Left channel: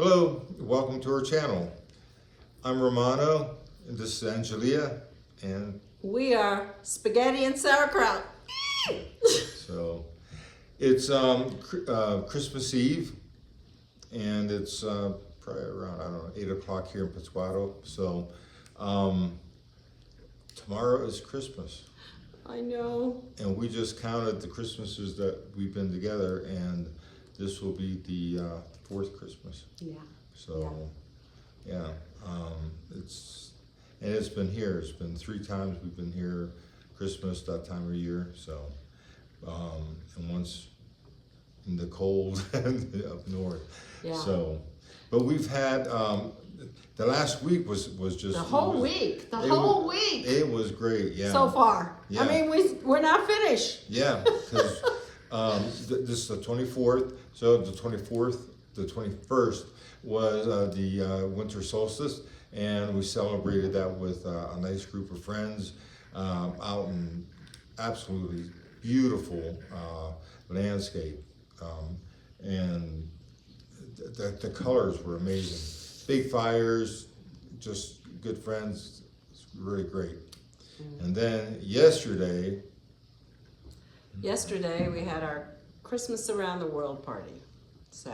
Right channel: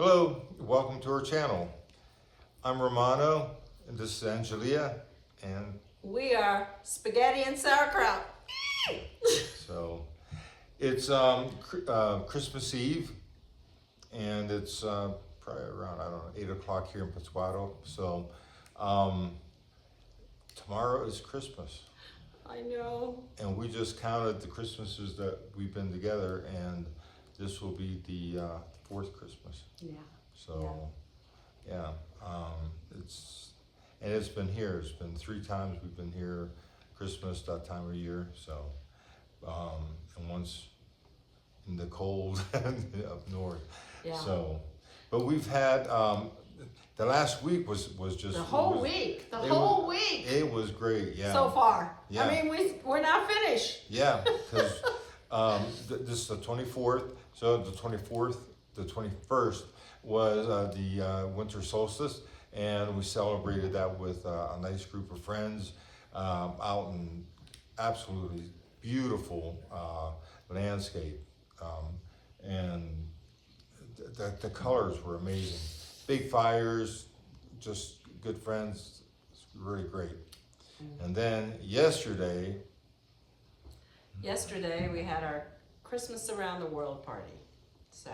Hello, welcome to our channel. I'm Romano, and this is Angelia, and We are spaghetti and sauerkraut. so it's Christmas Eve, and it's probably around, I don't know, 8 o'clock here in Pátzcuaro. So tomorrow is Christmas. I know. And we just counted the Christmases that we've been together, and this will be the fourth Christmas. Yeah. So, yeah, it's been here. It's been 3 times we've been here, Christmas, that time of year. So, and once in the cold up north. Yeah. So, but we've had the last week was just The whole week. The whole week. It was great. Yeah. So far. Yeah. I mean, we're not finished. Yeah, because this is the 24th. So the 24th, the 21st was the winter solstice, and we celebrated that with a nice group of friends out in absolutely beautiful landscape, and the colors were amazing. Big fires, just good friends. It's really great. And then yesterday we had our Christmas Around the World party. So,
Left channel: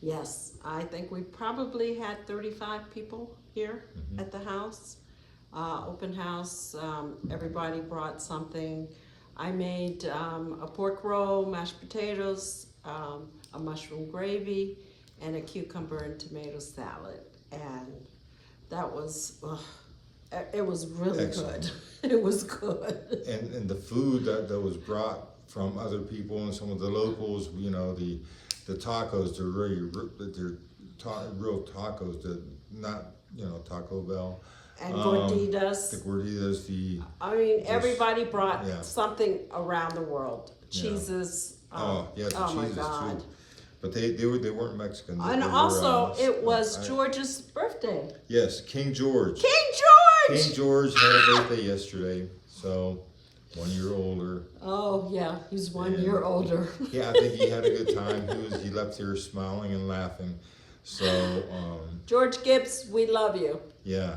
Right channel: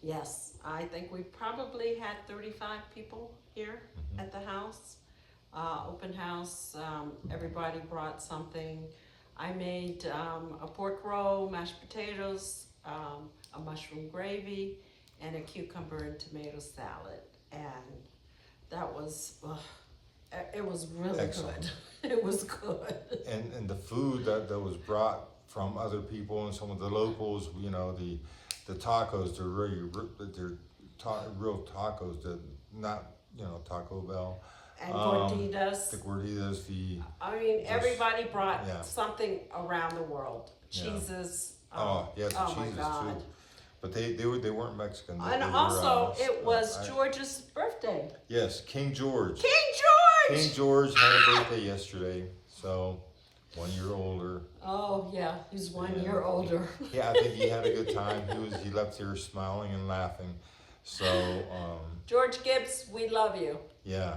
yes, I think we probably had 35 people here at the house. Open house, everybody brought something. I made a pork roll, mashed potatoes, a mushroom gravy, and a cucumber and tomato salad. And that was, it was really Excellent. good. It was good. And the food that was brought from other people and some of the locals, you know, the tacos, they're really, real tacos, they're not, you know, Taco Bell. And gorditas. The gorditas, I mean, everybody brought yeah. something around the world. Yeah. Cheeses. the oh my cheeses God. too. But they weren't Mexican. And they also, were, it was George's birthday. Yes, King George. King George! King George had a birthday yesterday, so 1 year older. Oh yeah, he's 1 And year older. Yeah, I think he had a good time. He left here smiling and laughing. So George Gibbs, we love you. yeah,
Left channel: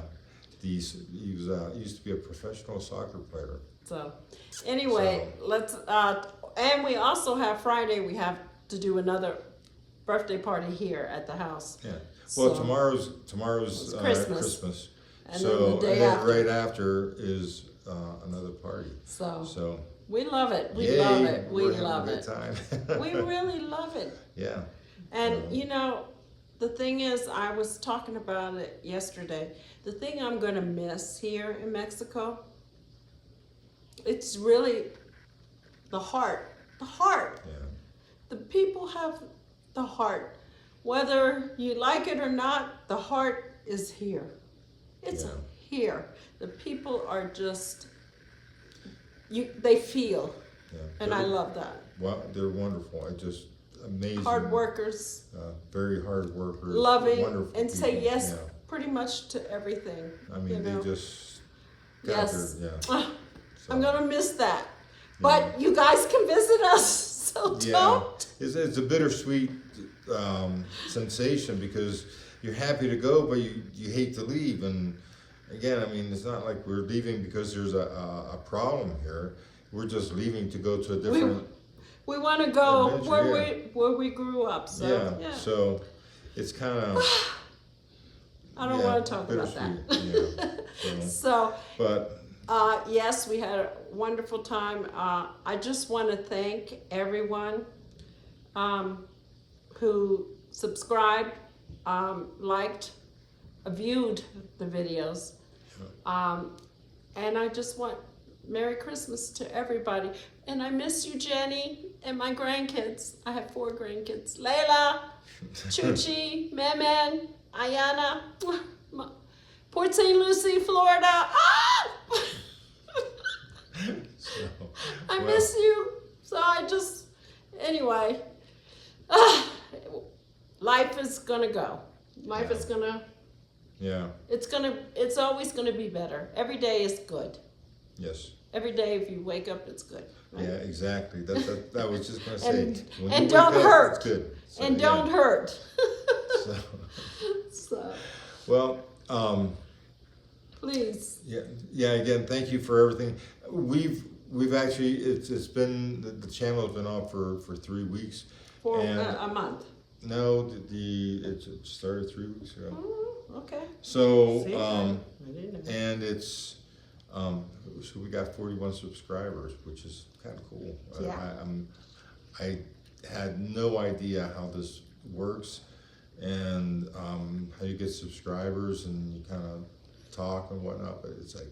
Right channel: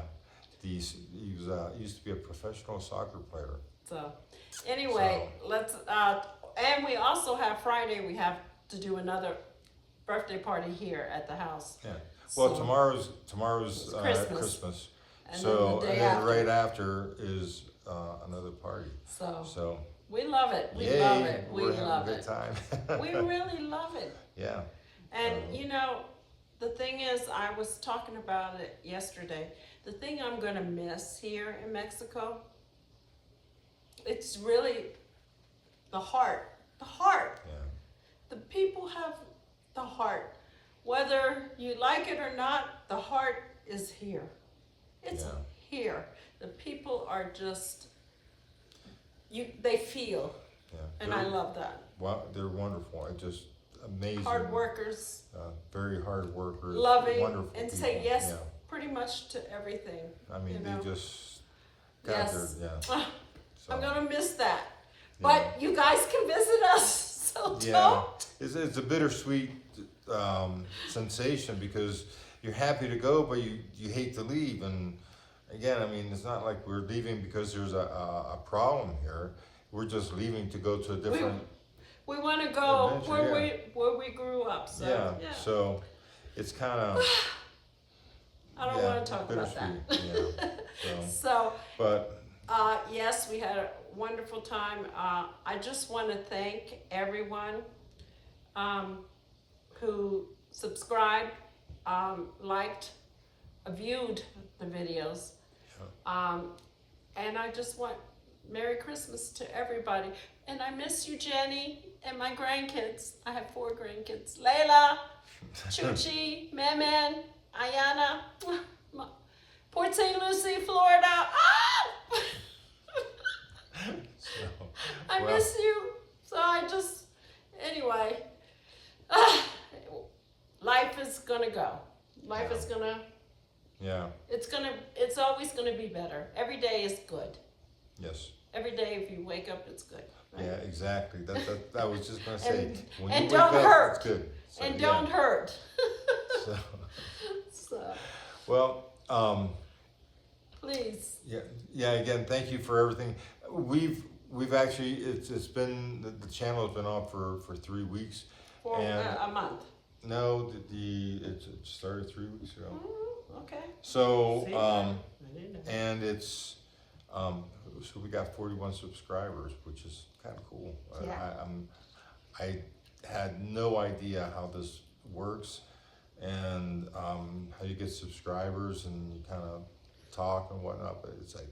he used to be a professional soccer player. So anyway, let's and we also have Friday. We have to do another birthday party here at the house. Yeah. Well, So, tomorrow's Christmas. And So then the day and then after. right after is another party. So we love it. We yay, love it. We we're having love a good it. time. We really love it. Yeah. And you know, the thing is, I was talking about it yesterday. The thing I'm gonna miss here in Mexico, it's really the heart. The heart. Yeah. The people have the heart. Whether you like it or not, the heart is here. It's here. The people are just, they feel. Yeah. And I love that. Well, they're wonderful. It's just amazing. Hard workers. Very hard workers. Loving wonderful and people. say yes Yeah. pretty much to everything. I mean, you know? they just got Yes. their, Ah, So, I'm gonna miss that. But you guys can visit us, so don't. It's a bittersweet sensation because you're happy to go, but you hate to leave. And again, I mean, it's not like we're leaving because there's a problem here. We're just leaving to go to a different. We want to go adventure, where we grew up. So yeah. So it's kind of. I don't want to talk about that. Yeah. So. But. Yes, we had a wonderful time. I just want to thank everyone who subscribed, liked, viewed the videos. And I just want Merry Christmas to everybody. And I miss you, Jenny, and my grandkids. I have 4 grandkids. Layla, Chuchi, Memen, Ayana, Port St. Lucie, Florida. Ah! I miss you. So I just, anyway, life is gonna go. Life is gonna. Yeah. It's always gonna be better. Every day is good. Yes. Every day, if you wake up, it's good. Right? Yeah, exactly. That I was just gonna say. And when and you don't wake hurt. up, it's good. So, And don't hurt. So, Well, Please. yeah. Again, thank you for everything. We've actually it's been the channel has been on for 3 weeks. For And a month. no, it started 3 weeks ago. Oh, okay. So See, I didn't know. and it's so we got 41 subscribers, which is kind of cool. Yeah. I had no idea how this works and how you get subscribers and you kind of talk and whatnot, but it's like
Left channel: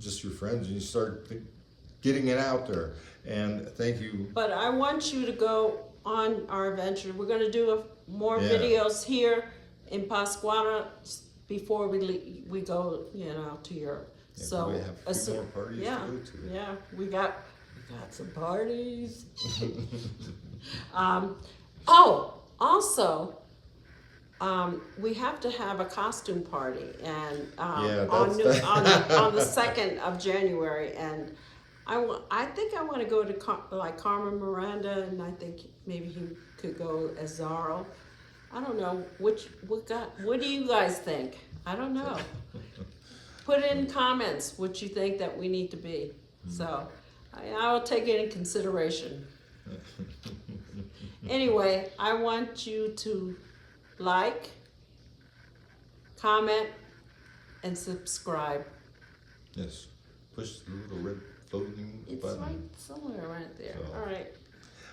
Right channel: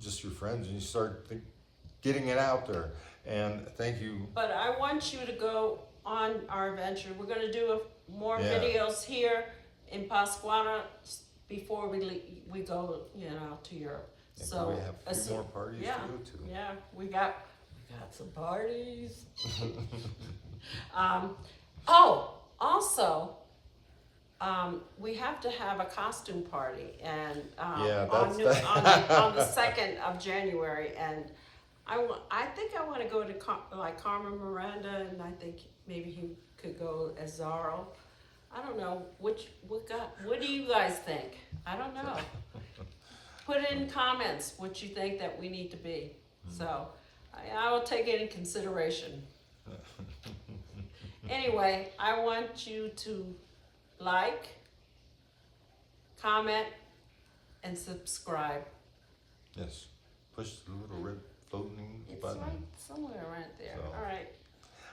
just your friends and you start getting it out there. And thank you. But I want you to go on our adventure. We're going to do more Yeah. videos here in Pasquana before we go, to Europe. Yeah, So we have a few more parties yeah, to go to. yeah, we got some parties. Also, we have to have a costume party, and Yeah, on the that's 2nd of January, and I think I want to go to like Carmen Miranda, and I think maybe he could go as Zorro. I don't know what do you guys think? I don't know. Put in comments what you think that we need to be. So I will take it in consideration. Anyway, I want you to like, comment, and subscribe. Yes. Push the little red floating It's button. right somewhere right there. So. All right.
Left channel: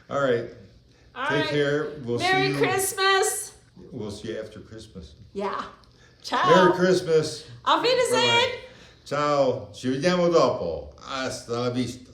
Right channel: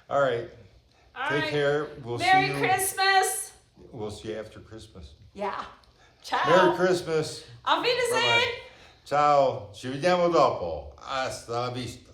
All right. All Take right. care. We'll Merry see you. Christmas. We'll see you after Christmas. Yeah. Ciao. Merry Christmas. Auf Wiedersehen. Bye-bye. Ciao. Ci vediamo dopo. Hasta la vista.